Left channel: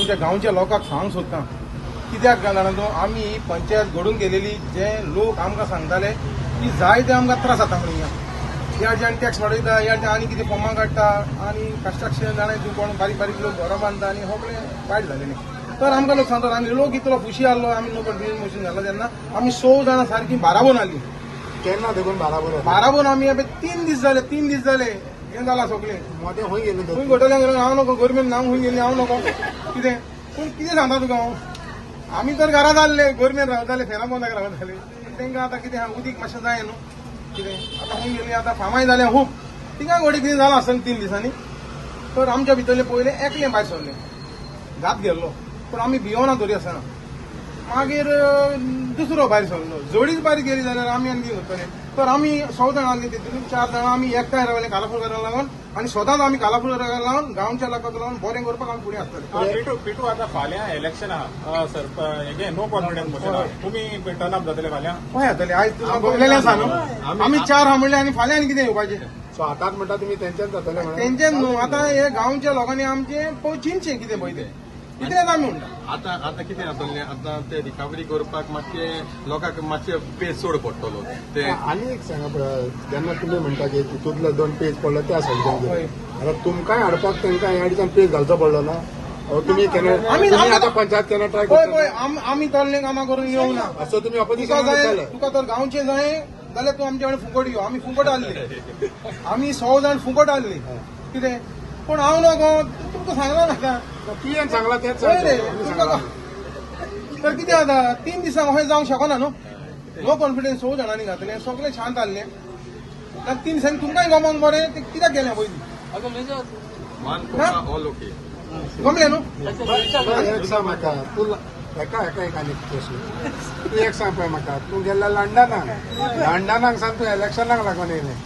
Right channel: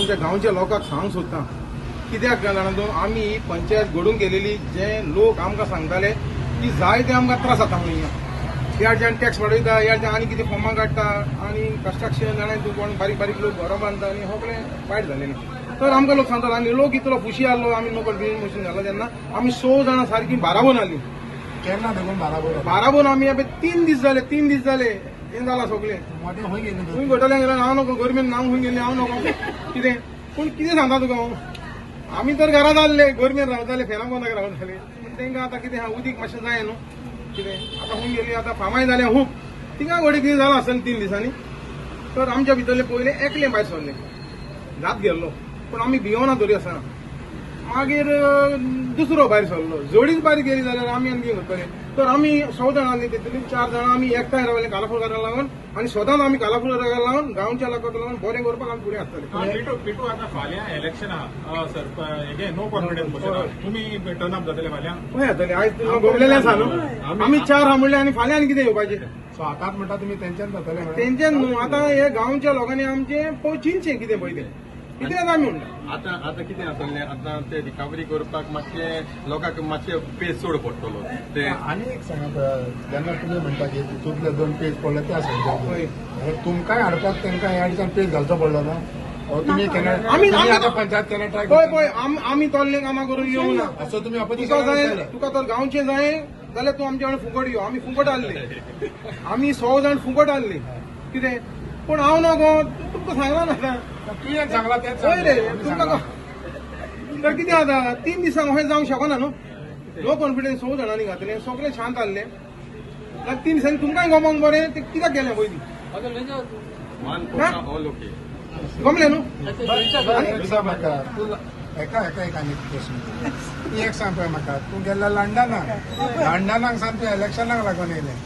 आमच्या गांवच्या लोकांक सांग सोदता कित्याक जाणा तूं आमी पंचायत घडून गेलेली जे लोक आमकां सांगताले की जाय ते आमकां त्रास जाता म्हणून ह्या जेन्ना टॅक्स वाडयता ह्या आनी कितें फॉर्मां काडटा आनी कन्स्ट्रक्शन जाणाय तूं कोण बारीक बारीक लोक घरां बांदता आनी सगळें वायट जालेलें तर आमकां लोक सांगतात आनी लोक इतलो खुशी आहलो आमी लोक ड्रिलींग मशीन घालो तेन्ना आमी 100 जाणां सारकी बाराबोन आली केन्ना देखून बाराबोन आमी हे 3 दीस जाले हें जालां सगळें खंय घोटल्यान गेलो हांव नको गव्हर्मेंट नांव खंय गेलें हांव नको कितें पूण कितें सांगता तुका हांव आमी तर घरां जाल्ले गव्हर्मेंट रावताले फेना पोंदाक रावताले तांकां आतां कितें उदीक मातशें जाय न्हू कितें आतां खंय गेलीं आतां फामाय जालें खूब तिका घोडी कितें जालां आसतलें 3 दिसांनी तर आमच्या भितरले पयले एकलें भायर सरलें जात गेल्लो पूण आमी भियोना तरी आसना मागीर दुसरो भायर सरलो जोडीच बारीक गेली जाल्यार आमी आनी कितें करतले तर आमी 100 जाणां आसली तेतून 4 जाणां आमी एकठांय रावले कालापूर घराक लागून आनी सदांच आमी कालापूर घराक लागून गांवच्या लोकांक लागून बरें करपाक आमी फुडें आसतले पिटू आतां फाल्यां इलेक्शन आहा नो कॉन्फिडन्स तुमी टर्न अप जातले फाल्यां खंय येतले आयज तुमकां बगलेलें आसा न्हू आमी 4 हा म्हणले आनी फाल्यां आनी कितें येवपाचें सो आतांच म्हणटा तुमी तेंचेच जातले तेंचेच न्हू आतां हे गांवच्या लोकांनी आमचे चिंतचें कितें पळय तें इतलेंच आमी म्हणटा आता कितें जातलें आतां ते रिकवरी करपाक मातशें लोकांक मातशें पेज चड पडटलो ते आनी एक सांगात जेन्ना तुमी म्हणटा की तितूंतले 2 पेज पडले त्या सायडीन तुमकांय हाडपाक तांकां ह्या दिसान पेज घालचो पडलो ना तुमी केन्ना आमी आतां पंचायत केन्ना ट्राय पळय करता पळय आमी तोल्ले कामां करून येवंक ना असो तुमी तुका ऑपोजिशन जाय तुका तर गांवचे जाय जाल्यार तूं आमचे कडेन फुकट यो आमी फुकट हाडले आमी 100 जाण फुकट हाडले कितें पूण हांव नको तुमकां सांगला नाका तुवें सांगला तेच पळय रे तुमकां तर कितें जाता 3 दिसांक अशें जावंक शकना न्हू लो कॉन्फिडन्स 100 जाणांनी घातले सगळे शांत हाडले आनी 3 दिसांनी तुमकांय गमोन बरें ते कित्याक गेलें पयलीं ऑल ओके गमलें न्हू एक सांग म्हाका तूं एका एक आनी प्रश्न तूं एक सांग पळय म्हाका तूं गेल्लो लंडनाक सावन तूं इलेक्शनाक लागून येयलें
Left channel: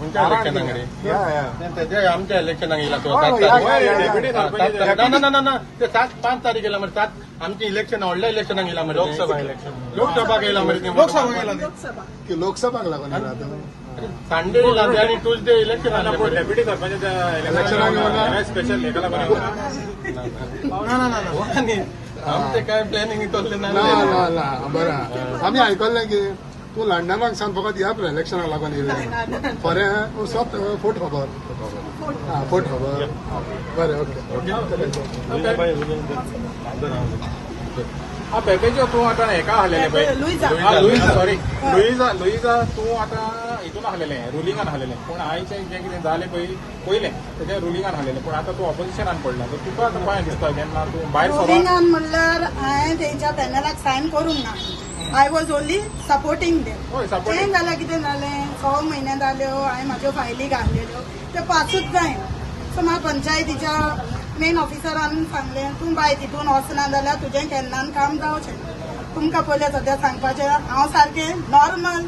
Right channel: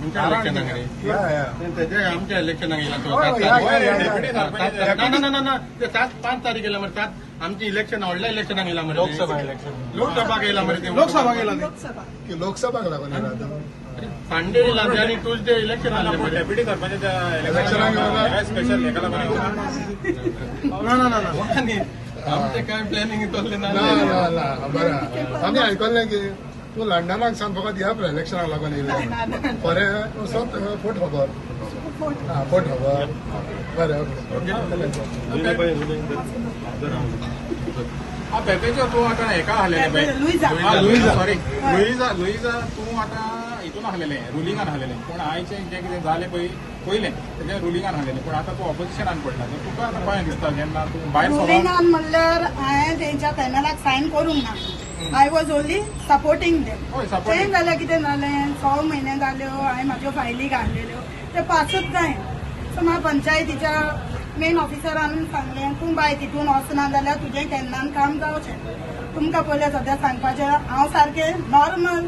तुमच्या इलेक्शनाक या तेजे आमच्या इलेक्शनाक येयला ना ते 5 तारीख येयला मरे 7 आमची इलेक्शन व्हडल्या इलेक्शनाक येयला मरे लोकसभा येयला मरे ते लोकसभा गेला ते की लोकसभाक लागून येयला संडे येयला आनी ट्यूजडे इलेक्शन आसलें डेप्युटी सरपंच इलेक्शनाक स्पेशल हेका लागून ना आमचे काय प्लॅनिंग इतले ना बरें आमी आयकल्लें की तूं लंडनाक सावन फकत ह्या इलेक्शनाक लागून येयलें बरें तूं सोत फोट खबर फोट खबर बरें पेपेचो तूं आतां हेका आहलेलें पळय लुईजा तूं आतां हितून आहलेलें रुलिंगान आहलेलें पूण आयचें जें कितें जालें पयलें तेज्या रुलिंगान आहलेलें पूण आतां तूं ऑपोजिशनाक पडला तुका कशें दिसता जेन्ना तूं भायर रुलिंगान म्हणल्यार हांवें तेंच्या पॅनलाक सायन करूंक ना I was only supporting them तें जाल्यार कितें जालें 6 म्हयने जाल्यो हांवें म्हाज्यो फायली घाल्लेल्यो ते पासूच जाय सो म्हाका पंचायतीच्या मेन ऑफिसरान सांगलें तूं बाय तितून वचना जाल्यार तुजें केन्नान काम जावचें तुमकां पयलें सद्या सांगपाचें हांव सारकें नॉर्मल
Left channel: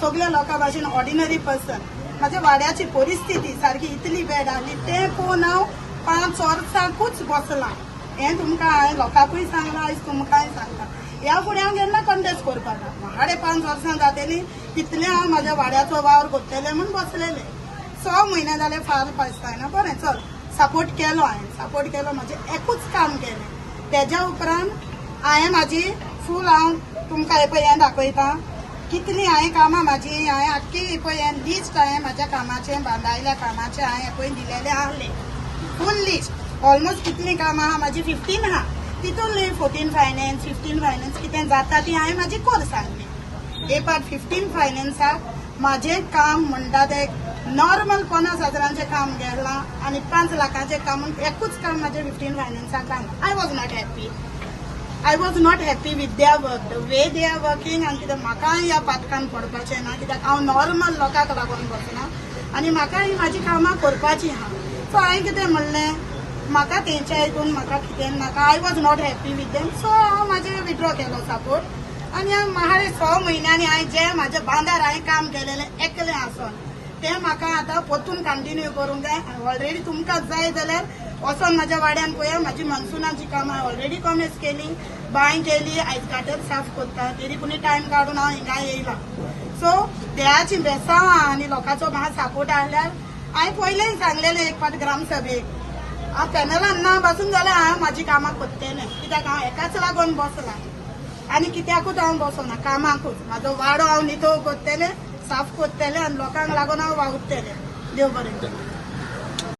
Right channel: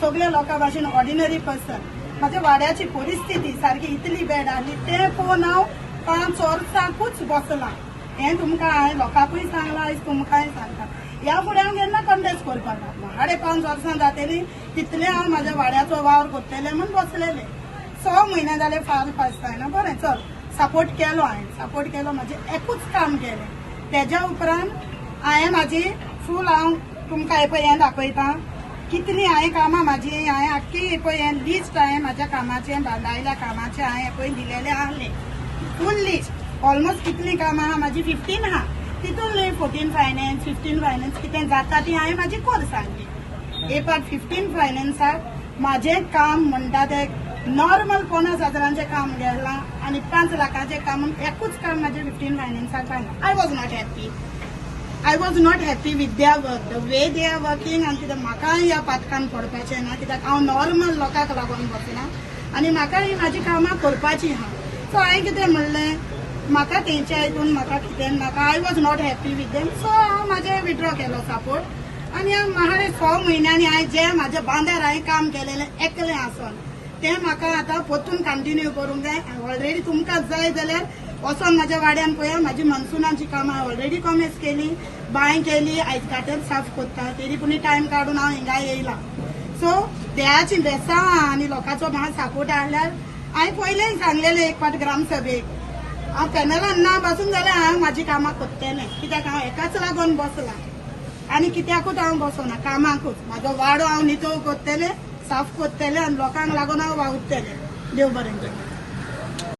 सगळ्या लोकां भाशेन ऑर्डिनरी पर्सन म्हाज्या वाड्याची परिस्थिती सारकी इतली बॅड आनी तें पळोवन हांव 5 वर्सांकूच बसलां हें तुमकां हांवें लोकांकूय सांगलां आयज तुमकांय सांगता ह्या फुडें हांव केन्ना कॉन्टेस्ट करपाक ना 5.5 वर्सां जातलीं कितलें हांव म्हाज्या वाड्याचो वावर करतलें म्हूण बसलेलें 6 म्हयने जाले फार पासताय ना बरें चल सपोर्ट केलो म्हाजें एकूच काम केलें तेज्या उपरांत हांवें म्हाजी फूल हांव तुमकां हें दाखयतां कितलीं हांवें कामां म्हाजी हांवें आख्खी पळय हें लिस्ट हांवें म्हाज्या कामाचें बांदायल्या कामाचें हांवें पळय दिलेलें आहलें फूल लिस्ट ऑलमोस्ट कितलीं कामां आहा म्हाजी 15 आहा तितून 14 फायनान्स 15 फायनान्स कितें जाता ती हांवें म्हाजी कोर सांगली एक पार्ट 15 फायनान्साक म्हाजें काम म्हणटा तें नॉर्मल 50,000चें काम गेलां आनी 5 लाखाचें काम एकूच काम म्हाजें 15 फायनान्साक जालां I was not happy with their work the way they are working आनी कितें म्हाका ह्या पातकान करपाचें ना कित्याक हांव नॉर्मल लोकांक लागून बसलां आनी म्हाका ही म्हाजी कामां करपाचीं आहा सो हांवें कितें म्हणलें म्हाका तेंच्या हितून म्हाका कितें नाका I was not happy with them so हांव म्हाजें विड्रॉ केलो सपोर्ट आनी म्हाडे 6 म्हयन्यांनी हांवें जें म्हाज्या बांदार हांवें काम केलेलें एकलें आसन तें म्हाका आतां परतून कंटिन्यू करूंक जाय ऑलरेडी तुमकां जाय जाल्यार वचोन म्हाज्या वाड्यान पळया म्हाजी मनसुनाची कामां ऑलरेडी कॉमेस केली बांय केली आयज गाटर साफ करता तरी पूण टायम काडून हांव हिंगा येयलां सो देवाची बेसांव आनी लोकांचो म्हाका सपोर्ट आहल्यार हांवें पयलें सांगलेलें एक फावट ग्रामसभेक हांव पॅनलान ना बसून जाल्यार हांव म्हाजी कामां करतलें कित्याक हांव एकाच लागून बसला आनी कित्याकूच हांव बसना कामाकूच म्हाजो वाडो हांव नितळ करतलें साफ करतलें आनी लोकांक लागून हांव वावुरतलें देव बरें करूं.